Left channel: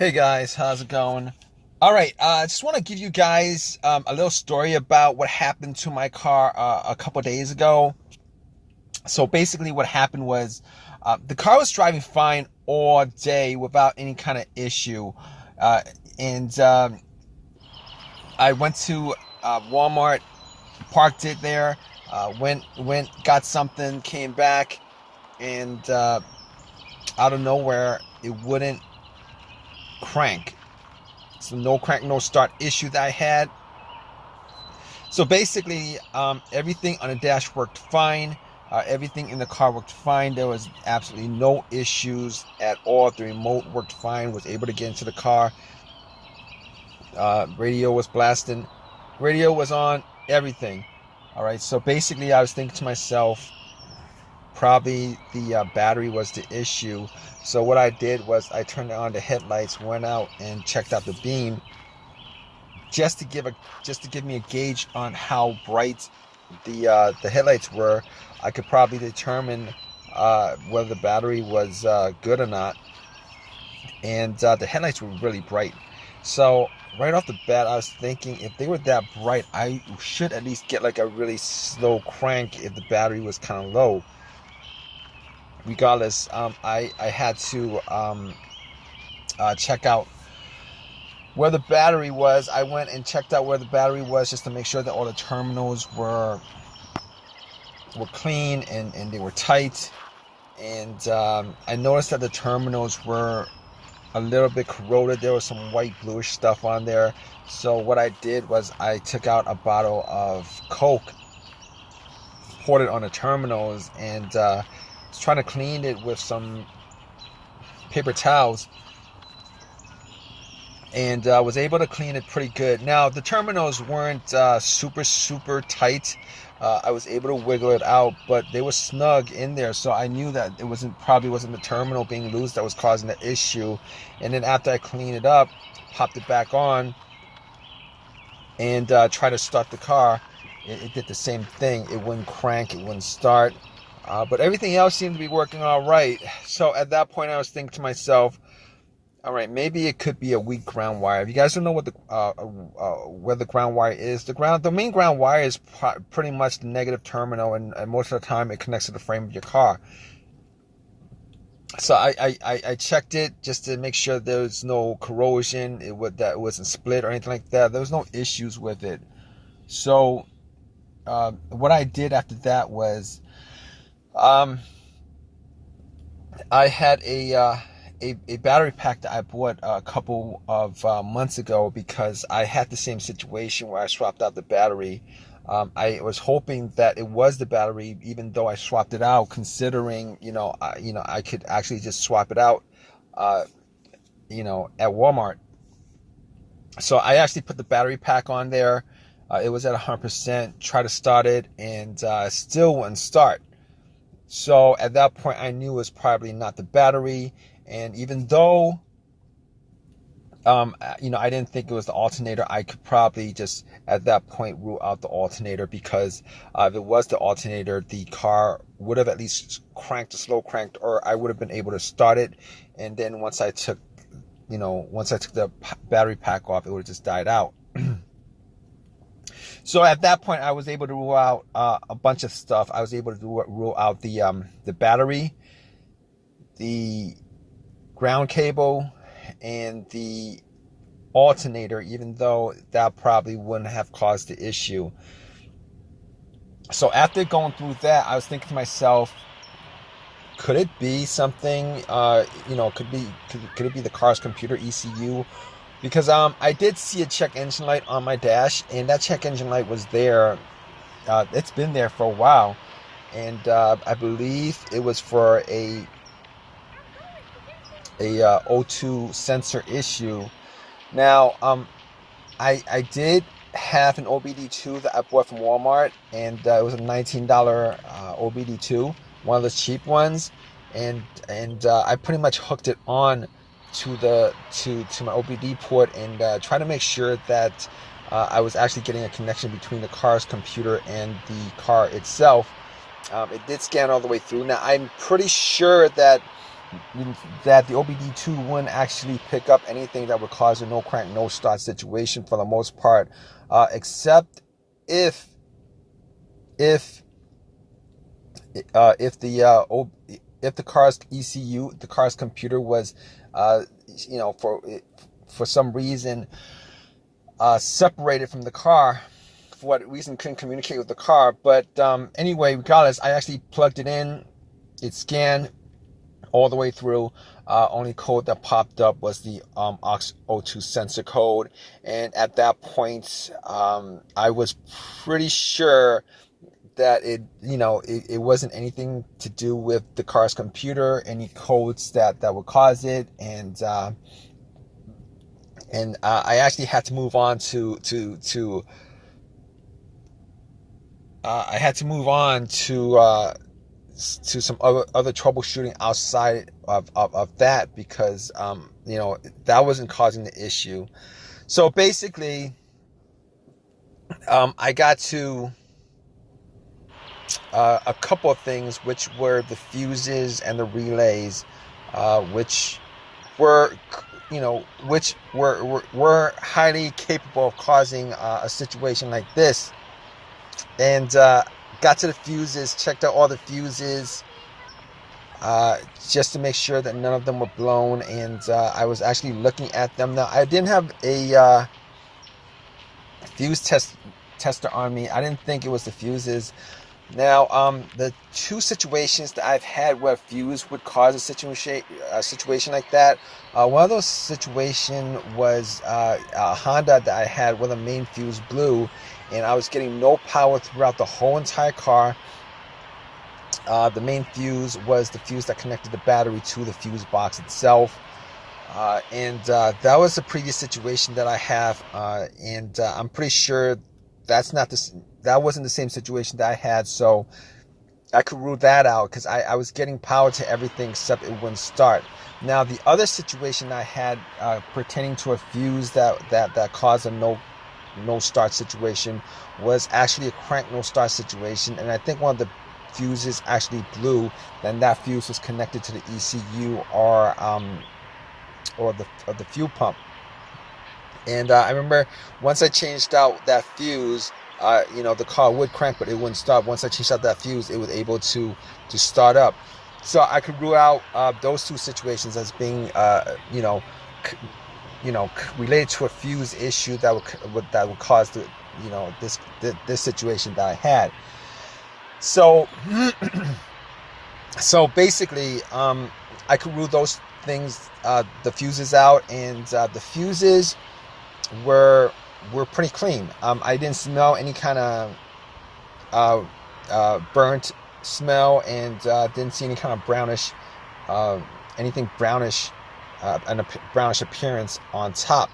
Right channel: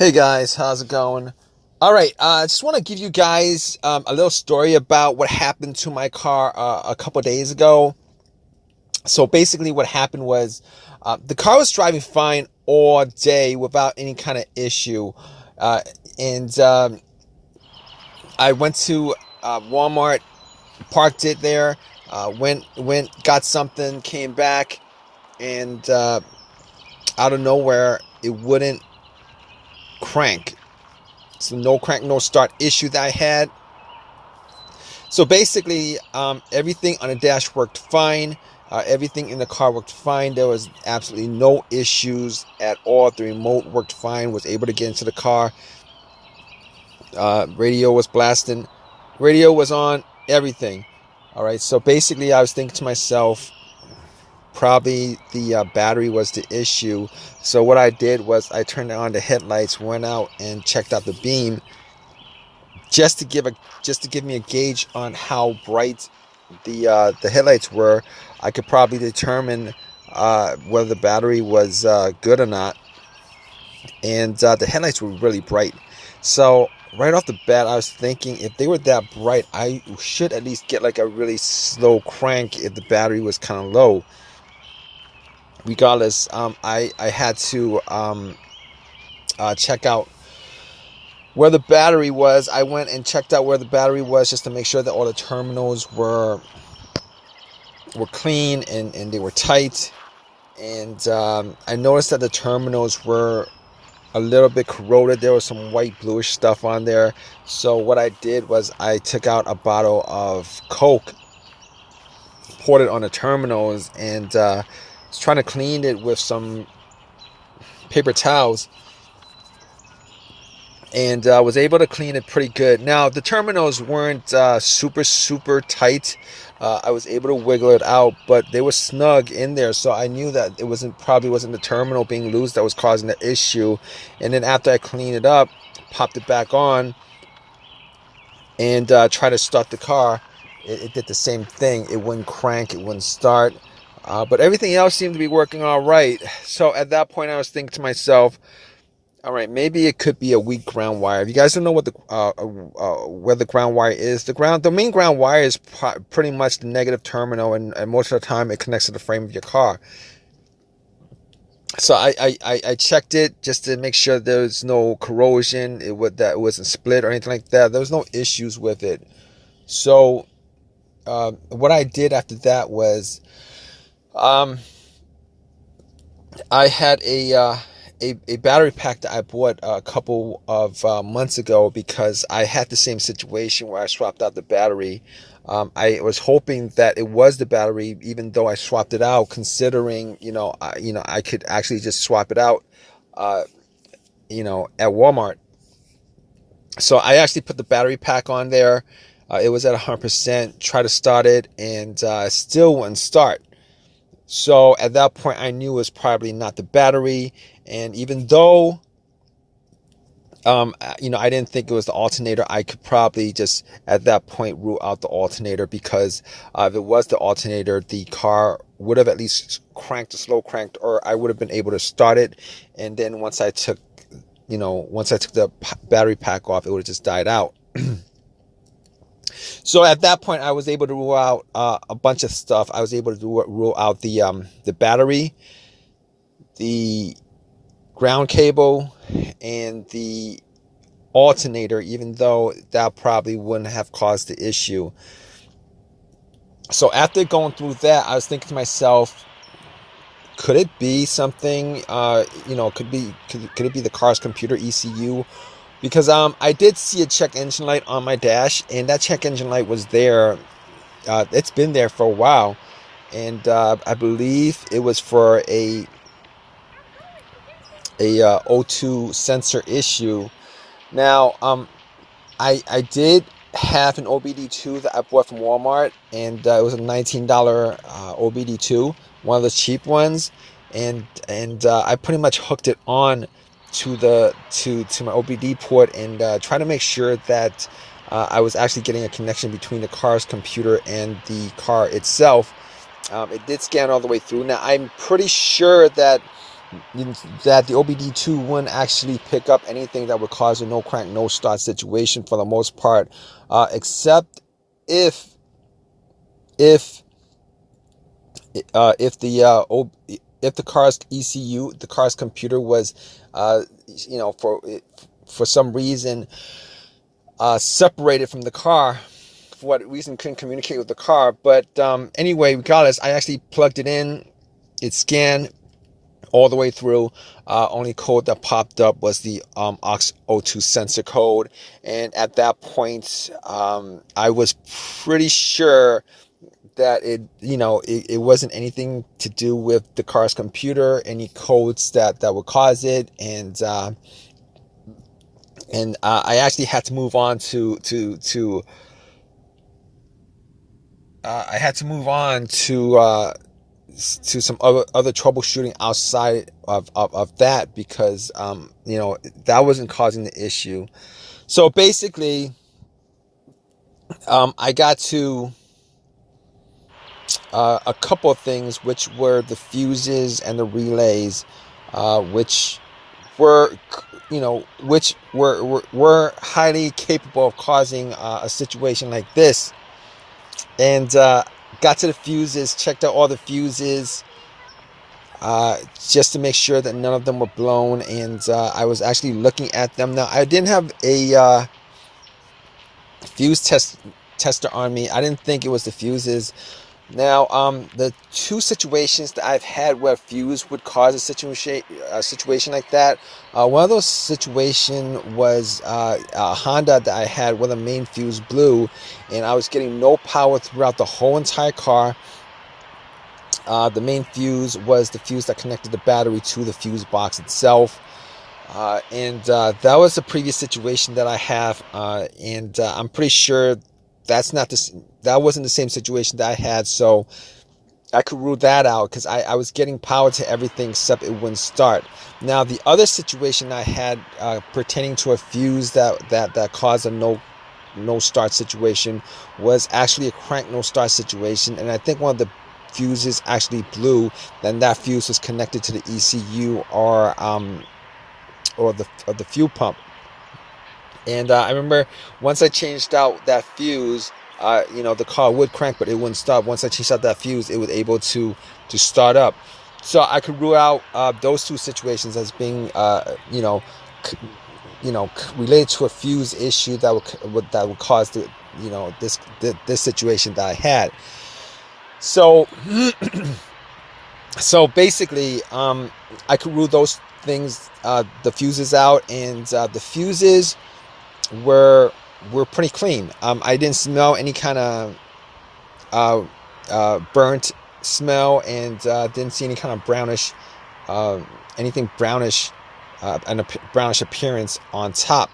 Hey guys, how's it going? All right, I just want to give you guys a little story about what happened to my car a couple days ago. So basically, what happened was the car was driving fine all day without any kind of issue, uh, and I went to Walmart, parked it there, went, got something, came back, and out of nowhere, it wouldn't crank. So no crank, no start issue that I had. So basically, everything on the dash worked fine. Everything in the car worked fine. There was absolutely no issues at all. The remote worked fine. Was able to get into the car. Radio was blasting. Radio was on. Everything. All right. So basically, I was thinking to myself, probably the battery was the issue. So what I did was I turned on the headlights, went out and checked out the beam, just to give me a gauge on how bright the headlights were. I could probably determine whether the battery was good or not. And the headlights were really bright. So right off the bat, I was thinking if they were that bright, I should at least get like a really slow crank if the battery was kind of low. Regardless, I had to check out where the battery was. I went and checked out where the battery was just to make sure that all the terminals were clean and they were tight. And I noticed that the terminals were a little bit corroded. There was some white bluish stuff on there. So what I did was I took out a bottle of Coke, poured it on the terminals, and was trying to clean it with some paper towels, and was able to clean it pretty good. Now the terminals weren't super tight. I was able to wiggle it out, but they were snug in there, so I knew that it probably wasn't the terminal being loose that was causing the issue. And then after I cleaned it up, popped it back on, and tried to start the car, it did the same thing. It wouldn't crank, it wouldn't start. But everything else seemed to be working all right. So at that point, I was thinking to myself, all right, maybe it could be a weak ground wire. If you guys don't know what where the ground wire is, the main ground wire is pretty much the negative terminal, and most of the time it connects to the frame of your car. So I checked it just to make sure there was no corrosion, that it wasn't split or anything like that. There was no issues with it. So what I did after that was, I had a battery pack that I bought a couple of months ago because I had the same situation where I swapped out the battery. I was hoping that it was the battery, even though I swapped it out, considering I could actually just swap it out, at Walmart. So I actually put the battery pack on there. It was at 100%. Tried to start it, and still wouldn't start. So at that point, I knew it was probably not the battery. And even though, I didn't think it was the alternator, I could probably just at that point rule out the alternator, because if it was the alternator, the car would have at least slow cranked, or I would have been able to start it. And then once I took the battery pack off, it would have just died out. So at that point, I was able to rule out a bunch of stuff. I was able to rule out the battery, the ground cable, and the alternator, even though that probably wouldn't have caused the issue. So after going through that, I was thinking to myself, could it be something? Could it be the car's computer ECU? Because I did see a check engine light on my dash, and that check engine light was there. It's been there for a while, and I believe it was for a O2 sensor issue. Now, I did have an OBD2 that I bought from Walmart, and it was a $19 OBD2, one of the cheap ones, and I pretty much hooked it on to my OBD port, and try to make sure that I was actually getting a connection between the car's computer and the car itself. It did scan all the way through. Now I'm pretty sure that that the OBD2 wouldn't actually pick up anything that would cause a no crank, no start situation for the most part, except if if if the car's ECU, the car's computer was, for some reason separated from the car. For what reason, couldn't communicate with the car. But anyway, regardless, I actually plugged it in. It scanned all the way through. Only code that popped up was the aux02 sensor code. And at that point, I was pretty sure that it wasn't anything to do with the car's computer, any codes that would cause it. And I actually had to move on to some other troubleshooting outside of that, because that wasn't causing the issue. So basically, I got to a couple of things, which were the fuses and the relays, which were highly capable of causing a situation like this. And got to the fuses, checked out all the fuses, just to make sure that none of them were blown. And I was actually looking at them. Now, I didn't have a fuse tester on me. I didn't think it was the fuses. Now, the two situations that I've had where fuse would cause a situation like that, one of those situations was a Honda that I had where the main fuse blew, and I was getting no power throughout the whole entire car. The main fuse was the fuse that connected the battery to the fuse box itself. And that was the previous situation that I have, and I'm pretty sure that wasn't the same situation that I had, so I could rule that out, because I was getting power to everything except it wouldn't start. Now, the other situation I had pertaining to a fuse that caused a no start situation was actually a crank no start situation, and I think one of the fuses actually blew. Then that fuse was connected to the ECU or the fuel pump. And I remember once I changed out that fuse, the car would crank, but it wouldn't stop. Once I changed out that fuse, it was able to start up. So I could rule out those two situations as being, related to a fuse issue that would cause this situation that I had. So, basically, I could rule those things, the fuses out, and the fuses were pretty clean. I didn't smell any kind of burnt smell, and didn't see any kind of brownish, anything brownish, and a brownish appearance on top.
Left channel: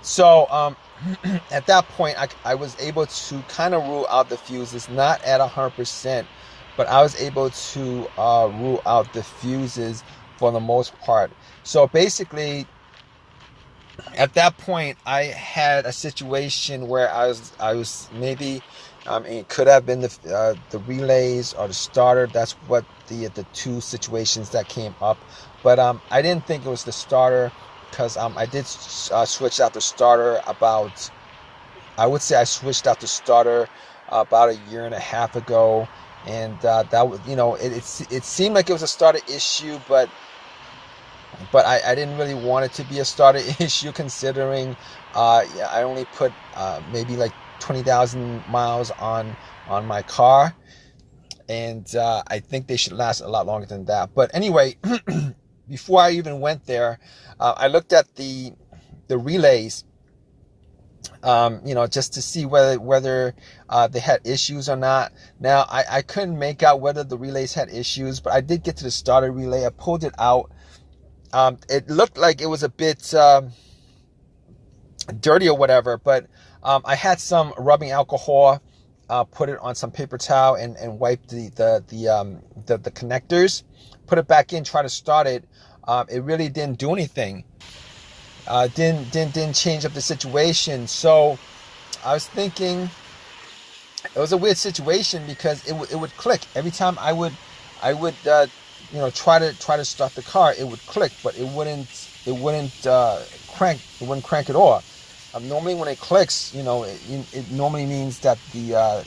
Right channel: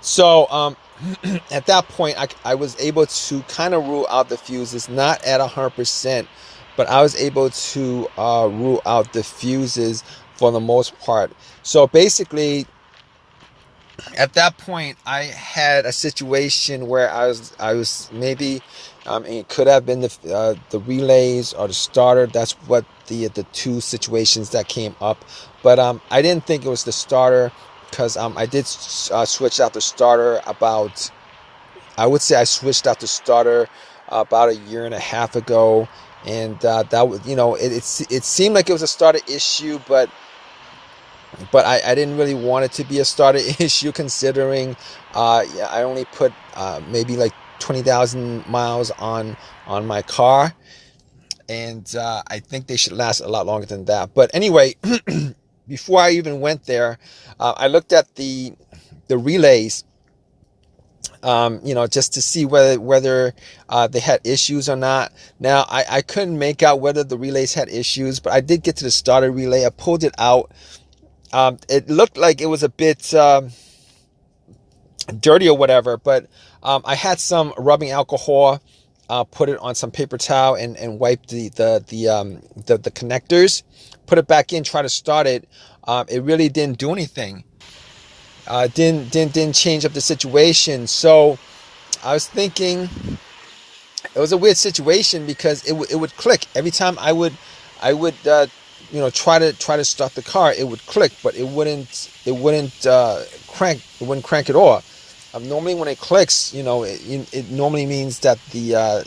So at that point, I was able to kind of rule out the fuses, not at 100%, but I was able to rule out the fuses for the most part. So basically, at that point, I had a situation where I was maybe, it could have been the relays or the starter. That's what the two situations that came up. But I didn't think it was the starter, because I did switch out the starter about, I would say I switched out the starter about a year and a half ago, and that was, it seemed like it was a starter issue, but I didn't really want it to be a starter issue, considering I only put maybe like 20,000 miles on my car, and I think they should last a lot longer than that. But anyway, before I even went there, I looked at the relays, just to see whether they had issues or not. Now, I couldn't make out whether the relays had issues, but I did get to the starter relay. I pulled it out. It looked like it was a bit dirty or whatever, but I had some rubbing alcohol, put it on some paper towel, and wiped the connectors, put it back in, try to start it. It really didn't do anything. Didn't change up the situation. So I was thinking it was a weird situation, because it would click every time I would I would try to start the car. It would click, but it wouldn't crank at all. Normally when it clicks, it normally means that the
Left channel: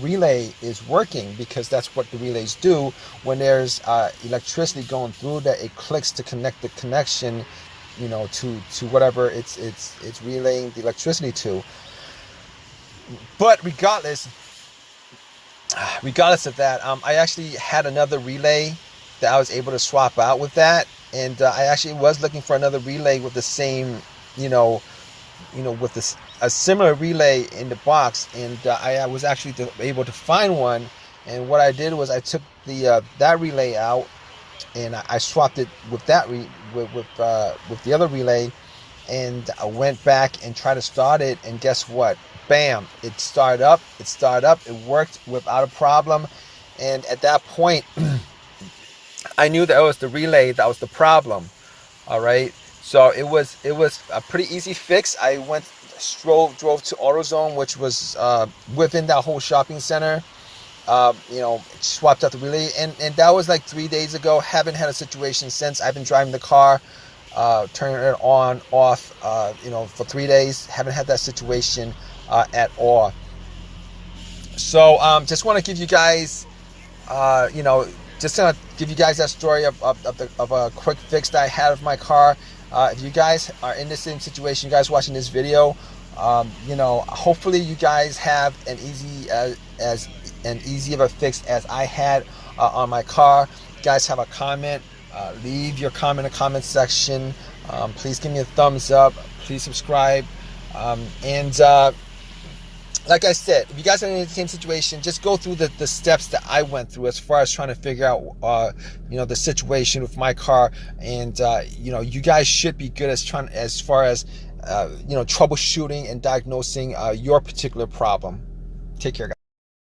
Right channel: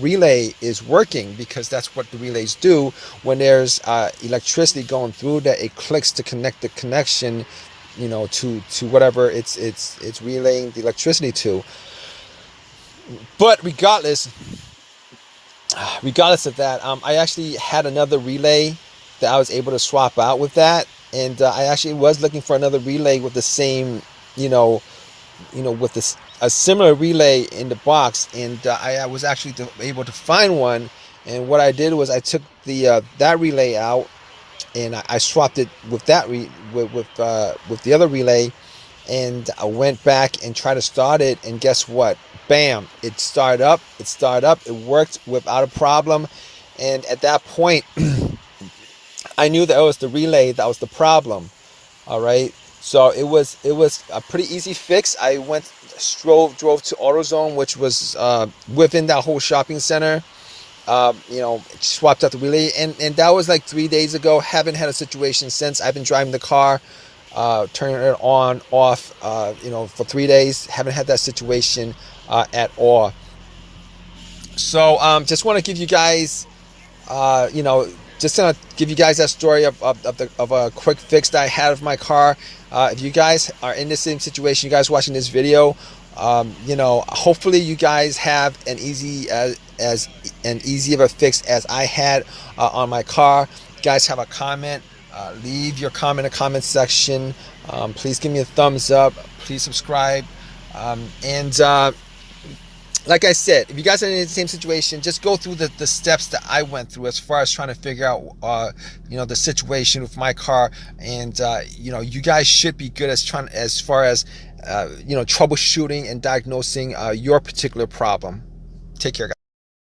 relay is working, because that's what the relays do. When there's electricity going through, that it clicks to connect the connection, to whatever it's relaying the electricity to. But regardless of that, I actually had another relay that I was able to swap out with that, and I actually was looking for another relay with the same, with this a similar relay in the box, and I was actually able to find one. And what I did was I took that relay out, and I swapped it with with the other relay, and I went back and tried to start it, and guess what? Bam! It started up. It worked without a problem. And at that point, I knew that it was the relay that was the problem. All right. So it was a pretty easy fix. I drove to AutoZone, which was within that whole shopping center. Swapped out the relay, and that was like 3 days ago. Haven't had a situation since. I've been driving the car, turning it on, off, for 3 days. Haven't had that situation at all. So just want to give you guys, just gonna give you guys that story of a quick fix that I had of my car. If you guys are in the same situation, you guys watching this video, hopefully you guys have an easy of a fix as I had on my car. If you guys have a comment, leave your comment in the comment section. Please give me a thumbs up. Please subscribe. And like I said, if you guys are in the same situation, just go through the steps that I went through as far as trying to figure out, the situation with my car. And, you guys should be good as far as, troubleshooting and diagnosing your particular problem. Take care, guys.